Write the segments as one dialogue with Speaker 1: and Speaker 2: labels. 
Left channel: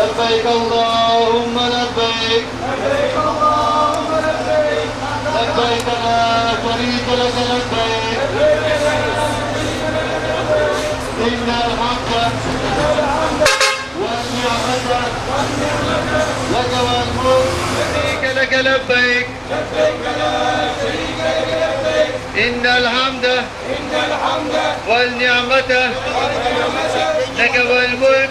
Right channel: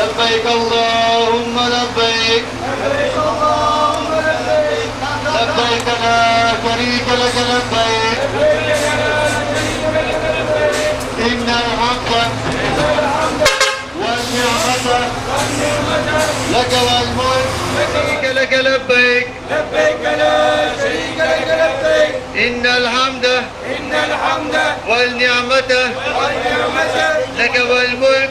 Speaker 1: لبيك اللهم لبيك.
Speaker 2: لبيك اللهم لبيك
Speaker 1: لبيك لا شريك لك لبيك. إن الحمد والنعمة لك والملك. شريك لك لبيك.
Speaker 2: لبيك لا شريك لك لبيك
Speaker 1: إن الحمد
Speaker 2: إن الحمد
Speaker 1: والنعمة لك والملك.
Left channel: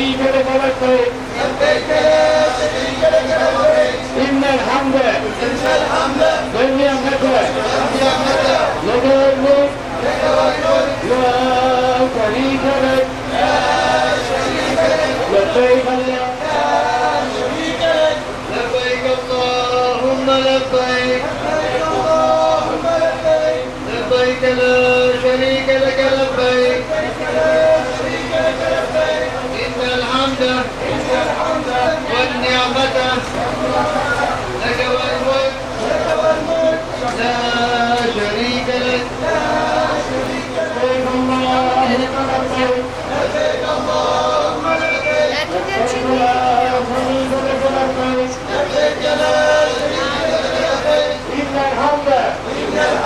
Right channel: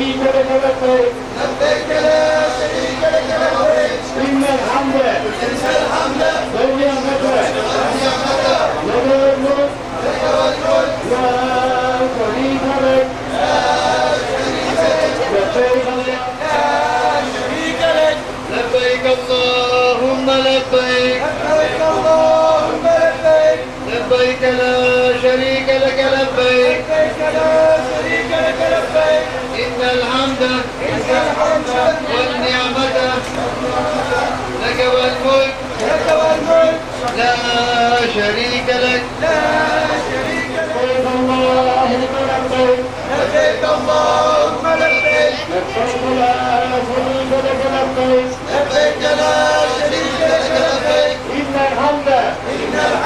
Speaker 1: செவிகட கடத்தை
Speaker 2: பின்னர் ஆம்ப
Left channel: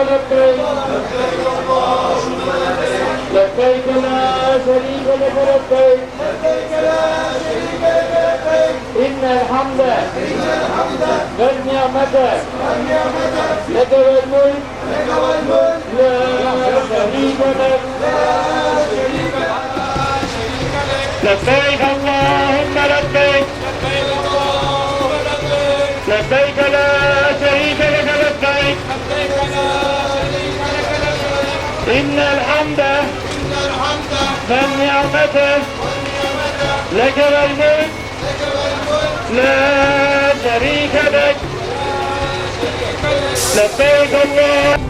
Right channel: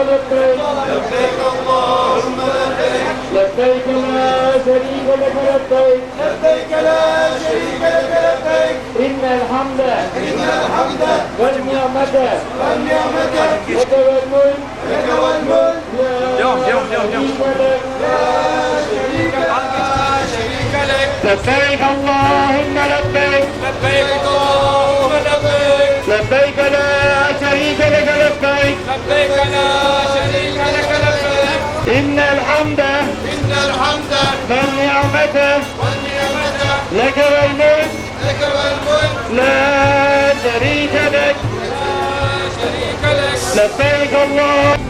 Speaker 1: لبيك لبيك
Speaker 2: اللهم لبيك
Speaker 1: لبيك لا شريك لك لبيك
Speaker 2: لبيك لا شريك لك لبيك
Speaker 1: إن الحمد
Speaker 2: إن الحمد
Speaker 1: والنعمة
Speaker 2: والنعمة
Speaker 1: لك والملك
Speaker 2: لك والملك
Speaker 1: لا شريك لك
Speaker 2: لا شريك لك
Speaker 1: لا شريك لك لبيك اللهم إن الحمد
Speaker 2: إن الحمد
Speaker 1: والنعمة لك والملك
Speaker 2: لك والملك
Speaker 1: لا شريك لك. لبيك الله.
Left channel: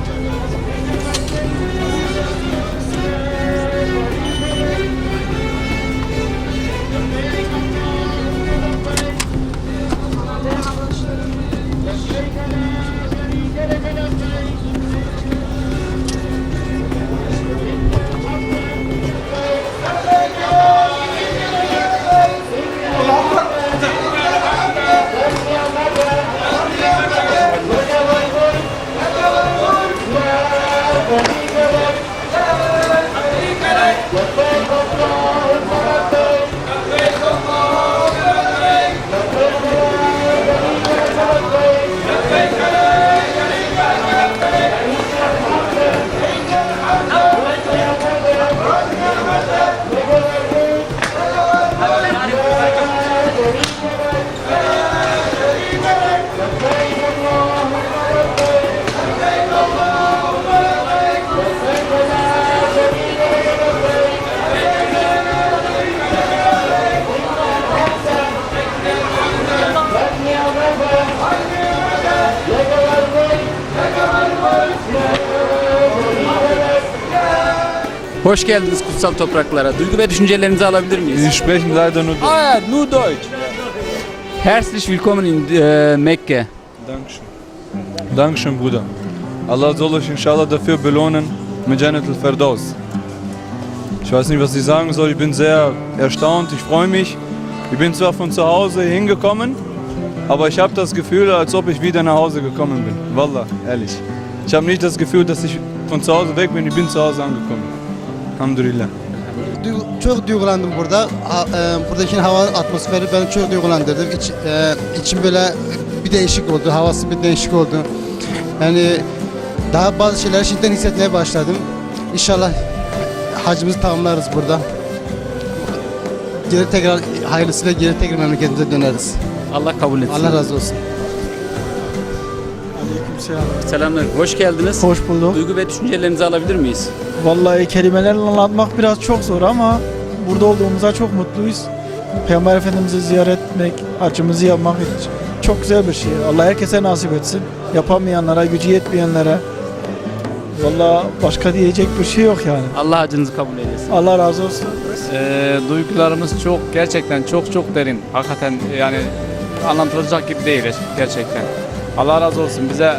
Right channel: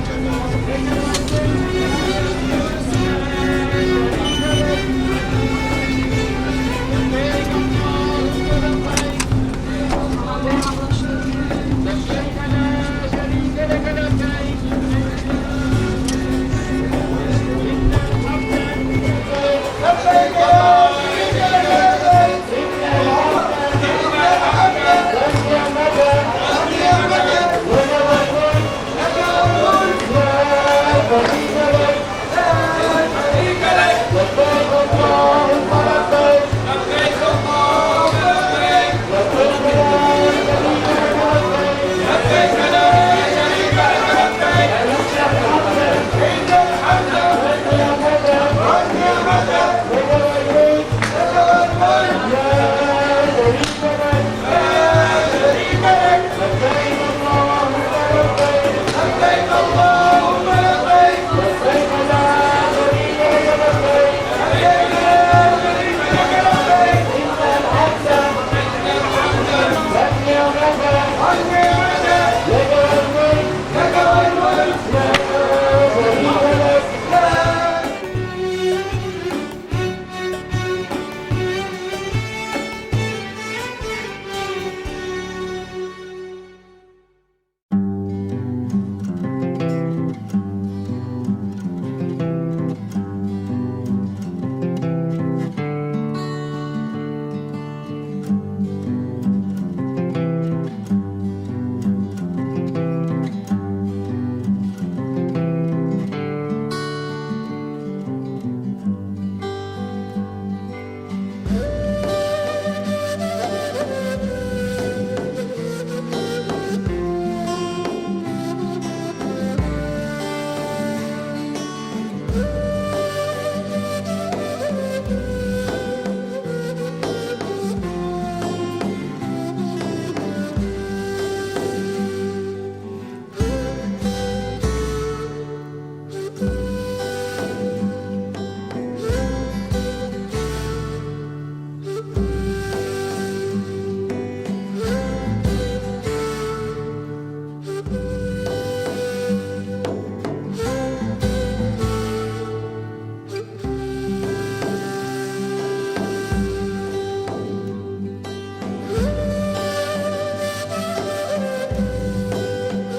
Speaker 3: Hoş geldiniz kutsal topraklara. Duygu ve düşüncelerinizi alabilir miyiz?
Speaker 4: Sie sprechen leider nur.
Speaker 3: Ah ja, nur Deutsch. Herzlich willkommen in äh, Mekka.
Speaker 4: Dankeschön. Dankeschön, Bruder. Allah soll euch inshallah dafür belohnen mit Jannat al-Firdaus. Ich weiß nicht, was ich sagen soll. Ich bin sehr erstaunt. Ich freue mich. Ich bin zwar von zu Hause hingekommen, aber ich habe das Gefühl, als ob ich wieder nach Hause gekommen bin. Wallah, ehrlich. Ich habe nicht das Gefühl, dass ich von zu Hause weg bin. Ich bin zu Hause angekommen. Hamdülillah.
Speaker 5: Duygu- çok duygulandım burada. Ha- e, buradaki hava atmosferi beni çok duygulandırdı. İç, e, içim böyle bir değişik oldu. Havası bir değişik oldu. Yani daha bazı şeyleri şimdiden hissetmeye başladım. İnşallah hacımızı tamamlarız burada. Geri tekrar hayırlısıyla geri tekrar memleketimize döneriz.
Speaker 3: Allah kabul etsin.
Speaker 5: Allah razı olsun.
Speaker 3: Selamlar. Hoş geldiniz.
Speaker 1: Hoş bulduk.
Speaker 3: Duygu ve düşüncelerinizi alabilir miyiz?
Speaker 1: Vallahi kelimelerle anlatmak biraz çok zor ama burada olduğumuza çok mutluyuz. Peygamber Efendimiz'i ziyaret etmek, acımızı yapmak için çok güzel bir şey. Allah herkese nasip etsin. Yapamayanlara, gücü yetmeyenlere. Vallahi başka diyecek bir şey yok yani.
Speaker 3: Allah acınızı kabul eylesin.
Speaker 1: Allah razı olsun.
Speaker 6: Ee, duygularımız çok gerçekten çok çok derin. Hakikaten yani anlatılacak gibi değil gerçekten. Allah razı olsun bize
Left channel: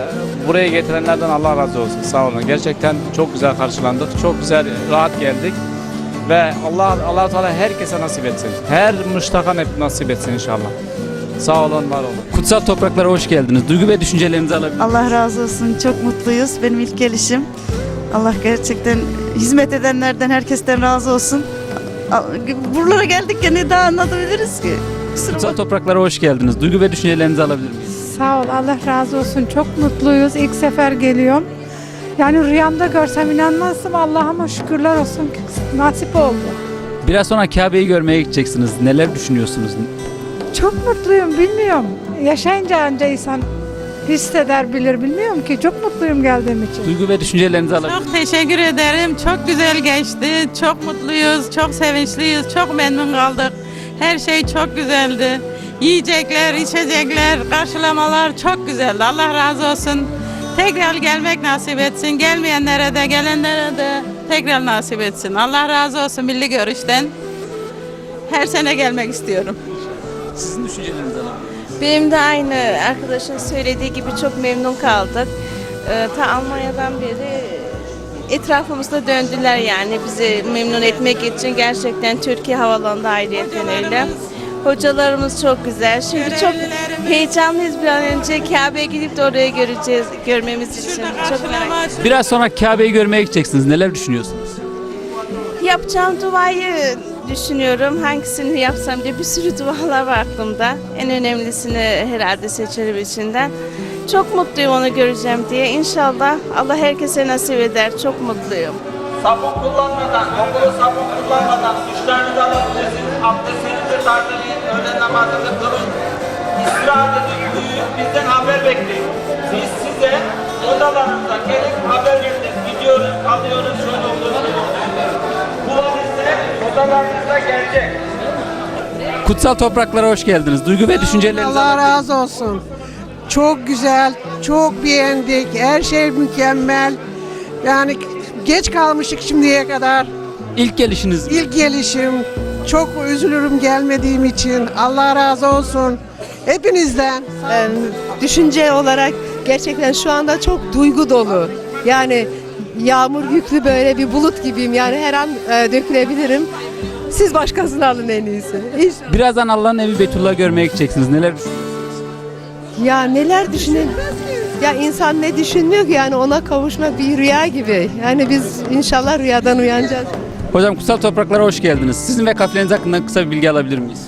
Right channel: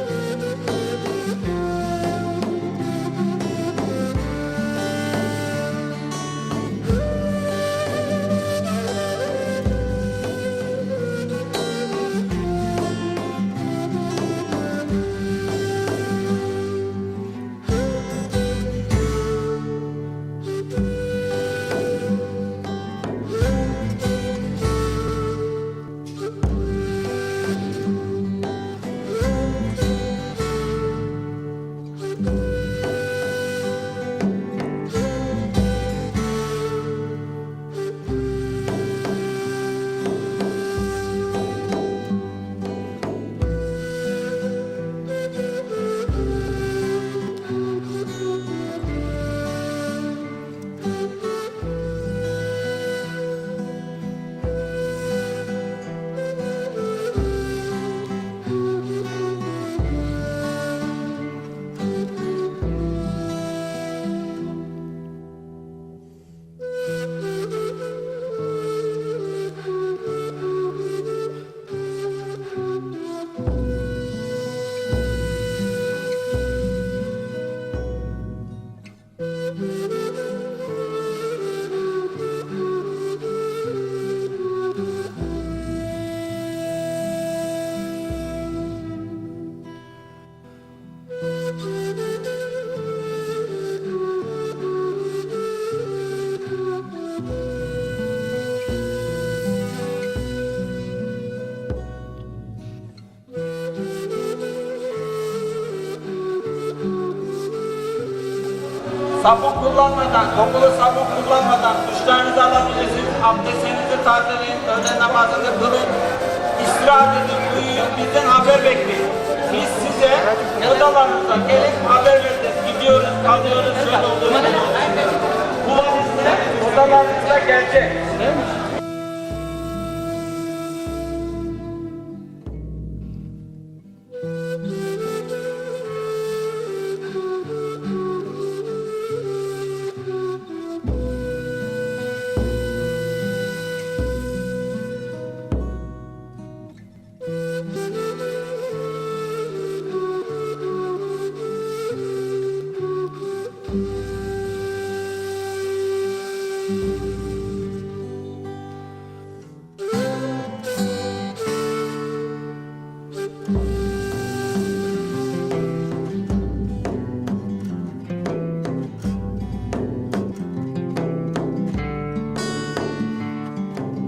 Speaker 6: buraya getirenlerden Allah razı olsun. Sağ olun. Gerçekten çok güzel karşılandık. Çok güzel rahat geldik. Ve Allah Allah Teala herkese nasip etsin. Her müştakan hep nasip etsin inşallah. Sağ olun, var olun.
Speaker 3: Kutsal topraklara hoş geldiniz. Duygu ve düşüncelerinizi alabilir?
Speaker 7: Allah razı olsun. Çok mutluyuz. Benim ilk gelişim. Allah gerçekten hizmet edenlerden, herkesten razı olsun. Buralara geldik ya ne daha anlatabiliriz ki?
Speaker 3: Kutsal topraklara hoş geldiniz. Duygu ve düşüncelerinizi alabilir?
Speaker 8: Sağ ol Allah razı olsun. Çok mutluyuz. İlk sefer geliyorum. Yani rüyamda görsem inanmazdım. Allah'ıma şükürler olsun ki nasip oldu.
Speaker 3: Biraz sonra Kabe'yi görmeye gideceksiniz. Neler düşünüyorsunuz?
Speaker 8: Çok mutluyum bilmiyorum. Yaşayınca anca insan hisseder bilir bilmiyorum ki. Çok mutluyum geldiğim için.
Speaker 3: Duygu ve düşüncelerinizi alabilir?
Speaker 9: Çok teşekkür ederim. Çok güzel geçti. Çok mutluyuz, çok sevinçliyiz, çok memnun kaldık. Her şey çok güzeldi. Yiyecekler, içecekler, karşılamalar çok güzeldi. Allah razı olsun. Tekrar gelmek nasip etsin. Gelmeyenlere de, gelenlere de tekrar nasip etsin. Allah razı olsun milli görüşten. Her sene gelmek istiyorum.
Speaker 3: Sizin miyiz?
Speaker 10: Benim de aynı arkadaşın söylediği gibi çok memnun kaldık. Ee, ta Almanya'dan beri etrafımızda döndüler yani bizi memnun etmek için gerçekten Türkiye Havalanı'nda ayrıyeten öyle. Hocalarımız çok güzel. Şimdi çok heyecanlıyız bir an önce Kabe'ye gidip de oraya göreceğiz, görmemiz için. Çok merak ediyorum.
Speaker 3: Biraz sonra Kabe'yi görmeye gideceksiniz. Neler düşünüyorsunuz?
Speaker 10: Yapacağım duayı düşünüyorum. Hangisini yapsam diye bir sürü dualar var aklımda. En önemlisini herhalde seçerim içinden. Çok mutluyum onu göreceğim diye. İnşallah Allah herkese nasip eder. Çok mutluyum.
Speaker 11: Sabun kullanmadan, kokulu sabun kullanmadan duşlarınızı alabilirsiniz. Abdestinizi tarzeleyin, öğle namazını kılın. İstirahat edin, uyuyun, bizden haber bekleyin. Biz size odalarınıza gelip haber vereceğiz. Gidiyoruz, kalıyoruz, şöyle olur, böyle olur. Bu valizler odalarınıza gelecek.
Speaker 3: Kutsal topraklara hoş geldiniz. Duygu ve düşüncelerinizi
Speaker 12: Allah razı olsun. Çok güzel, çok beğendik. Her şey mükemmel. Yani geç kalmıştık şimdiye kadar.
Speaker 3: İlk gelişiniz mi?
Speaker 12: İlk gelişim. Çok üzülürüm gelmediğim için. Allah razı olsun. Hepinizden.
Speaker 13: düşünce olarak gerçekten şu anda çok duygu dolu. Yani yağmur yüklü böyle bir bulut gibiyim. Yani her an e, dökülebilirim. Siz başkasını alın en iyisi. Hiç,
Speaker 3: Birazdan Allah'ın evi Beytullah'ı görmeye gideceksiniz. Neler
Speaker 13: ya neler düşünün? Ya insan ne düşünmüyor ki yani ona kavuşmak bir rüya gibi. Yani biz inşallah rüyadan uyanacağız.
Speaker 3: Hocam kutsal topraklara hoş geldiniz. Sizin ve kafileriniz hakkında kısa bir bilgi alabilir miyiz?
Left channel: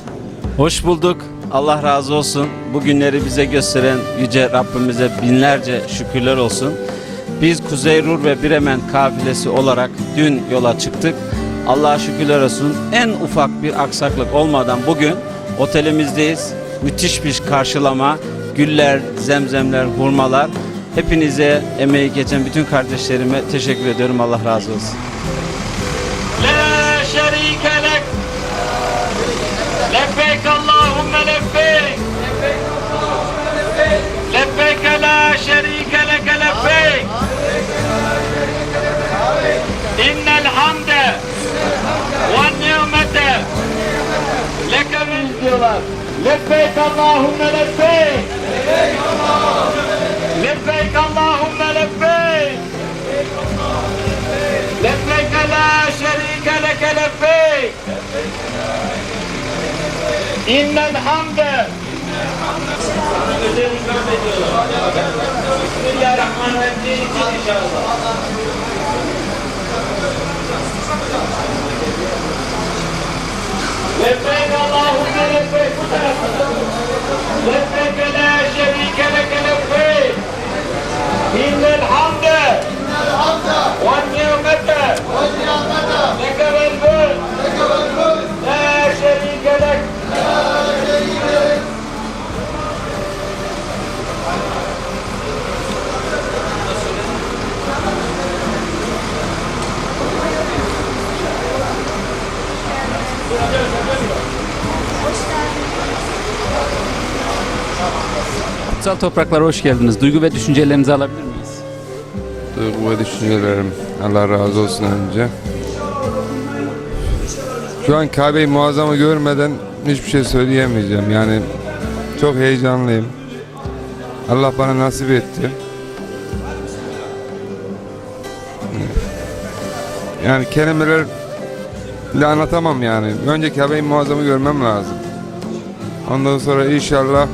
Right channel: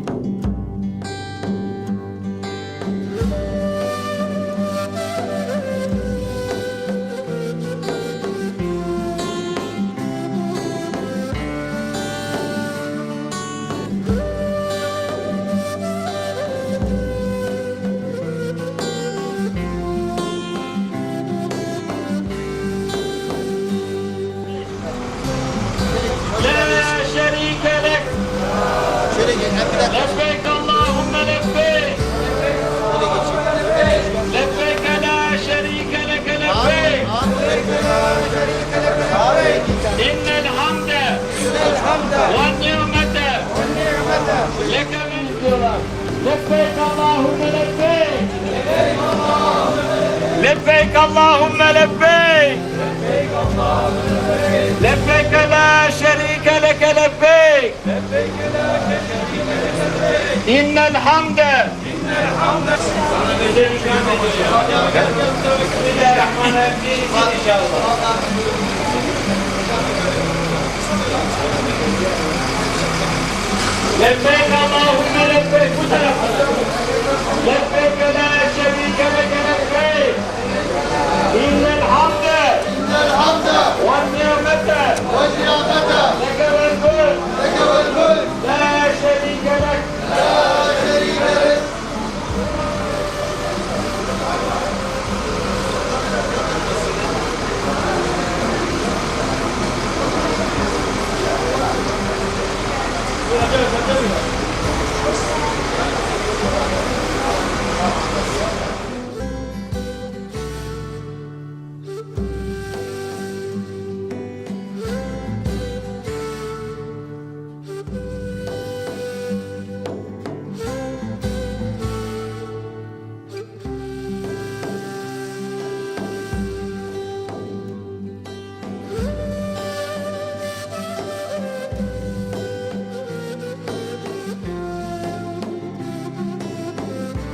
Speaker 11: Hoş bulduk. Allah razı olsun. Bu günleri bize gösteren Yüce Rabbimize binlerce şükürler olsun. Biz Kuzey Ruhr ve Bremen kafilesi olarak dün yola çıktık. Allah'a şükürler olsun. En ufak bir aksaklık olmadan bugün otelimizdeyiz. Müthiş bir karşılama, güller, zemzemler, hurmalar. Hepinize emeği geçen bütün kardeşlerime teşekkür ediyorum. Allah razı olsun. لا شريك لك. لبيك اللهم لبيك. لبيك لا شريك لك لبيك. إن الحمد والنعمة لك من لبيك اللهم لبيك. لبيك اللهم لبيك. لك لبيك. إن الحمد. لبيك اللهم لبيك. لبيك لا شريك لك لبيك. إن الحمد. إن الحمد.
Speaker 3: Topraklara hoş geldiniz. Duygu ve düşüncelerinizi alabilir miyiz?
Speaker 14: Duygu ve düşüncelerim. Allah razı olsun önce. Şu an Kabe'yi muazzamı görmeden hiçbir şey söyleyemeyeceğim. Yani çok heyecanlıyım. Allah bana nasip etti. Yani kelimeler anlatamam yani. Önce Kabe'yi muazzamı görmem lazım. Ondan sonra inşallah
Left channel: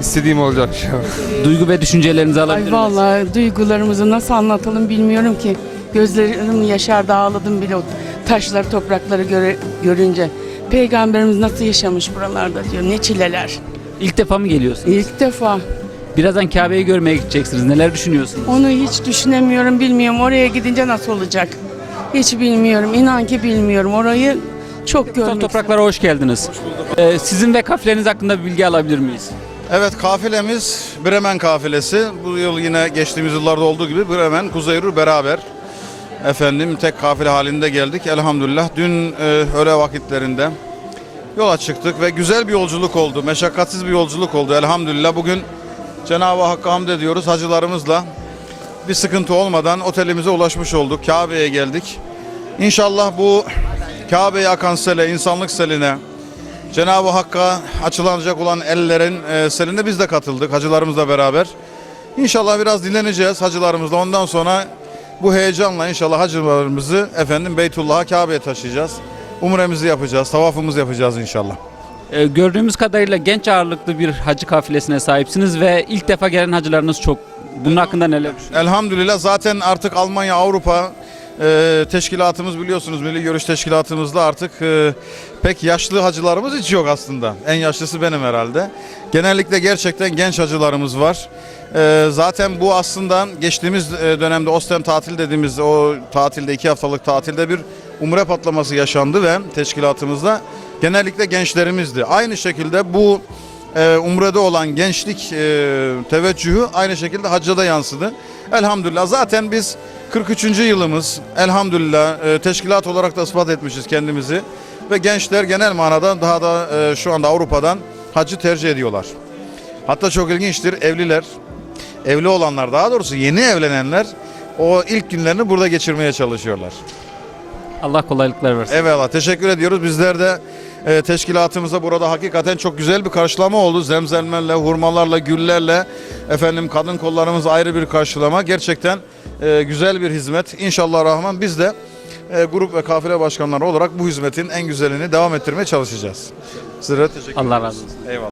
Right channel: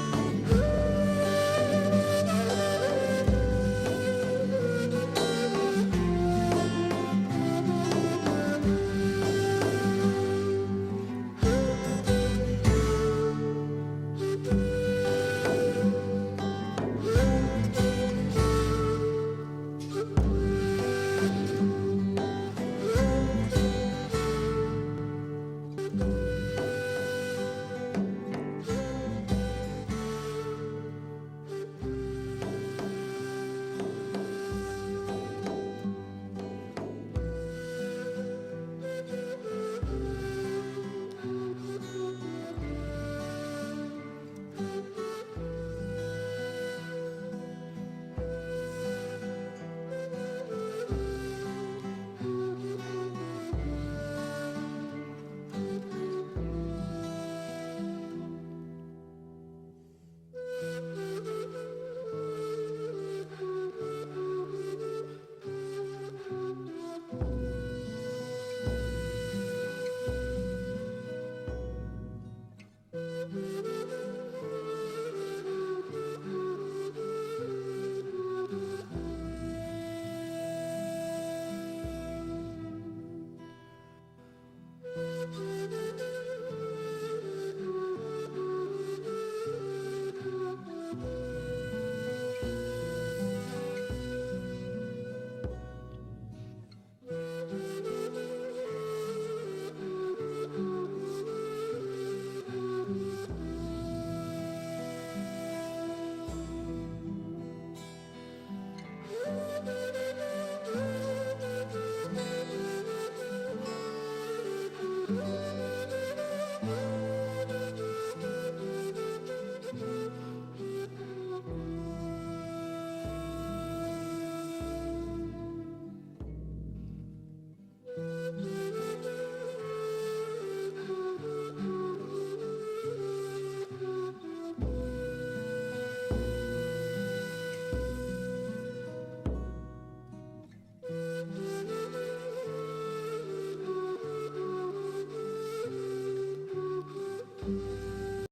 Speaker 14: istediğim olacak inşallah.
Speaker 3: Duygu ve düşüncelerinizi alabilir
Speaker 9: Ay
Speaker 3: miyiz?
Speaker 9: vallahi duygularımızı nasıl anlatalım bilmiyorum ki. Gözlerim yaşardı ağladım bile o taşları toprakları göre, görünce. Peygamberimiz nasıl yaşamış buralarda diyor ne çileler.
Speaker 3: İlk defa mı geliyorsunuz?
Speaker 9: İlk defa
Speaker 3: Birazdan Kabe'yi görmeye gideceksiniz. Neler düşünüyorsunuz?
Speaker 9: onu hiç düşünemiyorum bilmiyorum oraya gidince nasıl olacak. Hiç bilmiyorum inan ki bilmiyorum orayı çok
Speaker 3: Kutsal
Speaker 9: görmek
Speaker 3: topraklara hoş geldiniz. Ee, sizin ve kafileriniz hakkında bir bilgi alabilir miyiz?
Speaker 15: Evet kafilemiz Bremen kafilesi. Bu yıl yine geçtiğimiz yıllarda olduğu gibi Bremen, Kuzeyru beraber. Efendim tek kafile halinde geldik elhamdülillah. Dün e, öğle vakitlerinde yola çıktık ve güzel bir yolculuk oldu. Meşakkatsiz bir yolculuk oldu elhamdülillah. Bugün Cenab-ı Hakk'a hamd ediyoruz hacılarımızla. Bir sıkıntı olmadan otelimize ulaşmış olduk. Kabe'ye geldik. İnşallah bu Kabe'ye akan sele, insanlık seline, Cenab-ı Hakk'a açılacak olan ellerin e, seline biz de katıldık hacılarımızla beraber. İnşallah biraz dinleneceğiz hacılarımızla. Ondan sonra bu heyecanla inşallah hacılarımızı efendim Beytullah'a Kabe'ye taşıyacağız. Umremizi yapacağız, tavafımızı yapacağız inşallah.
Speaker 3: Ee, gördüğümüz kadarıyla genç ağırlıklı bir hacı kafilesine sahipsiniz ve ilk defa gelen hacılarınız çok. Bunun hakkında neler düşünüyorsunuz?
Speaker 15: Elhamdülillah zaten artık Almanya, Avrupa e, teşkilatımız biliyorsunuz Milli Görüş Teşkilatımızda artık e, pek yaşlı hacılarımız hiç yok aslında. En yaşlısı benim herhalde. Genellikle gerçekten genç hacılarımız var. E, zaten bu aslında geçtiğimiz e, dönemde Ostem tatil dediğimiz o tatilde iki haftalık tatilde bir umre patlaması yaşandı ve teşkilatımızda genellikle gençlerimizdi. Aynı şekilde bu e, umrede olan gençlik e, teveccühü aynı şekilde hacca da yansıdı. Elhamdülillah zaten biz 43. yılımız elhamdülillah e, teşkilat olarak da ispat etmişiz kendimizi ve gençler genel manada daha da e, şu anda Avrupa'dan hacı tercih ediyorlar. Hatta çok ilginçtir evliler, evli olanlar daha doğrusu yeni evlenenler o ilk günlerini burada geçirmeye çalışıyorlar.
Speaker 3: Allah kolaylıklar versin.
Speaker 15: Eyvallah teşekkür ediyoruz. Bizler de e, teşkilatımıza burada hakikaten çok güzel bir karşılama oldu. Zemzemlerle, hurmalarla, güllerle efendim kadın kollarımız ayrı bir karşılama. Gerçekten e, güzel bir hizmet. İnşallah Rahman biz de e, grup ve kafile başkanları olarak bu hizmetin en güzelini devam ettirmeye çalışacağız. Sizlere teşekkür
Speaker 3: Allah
Speaker 15: ederiz.
Speaker 3: razı olsun.
Speaker 15: Eyvallah.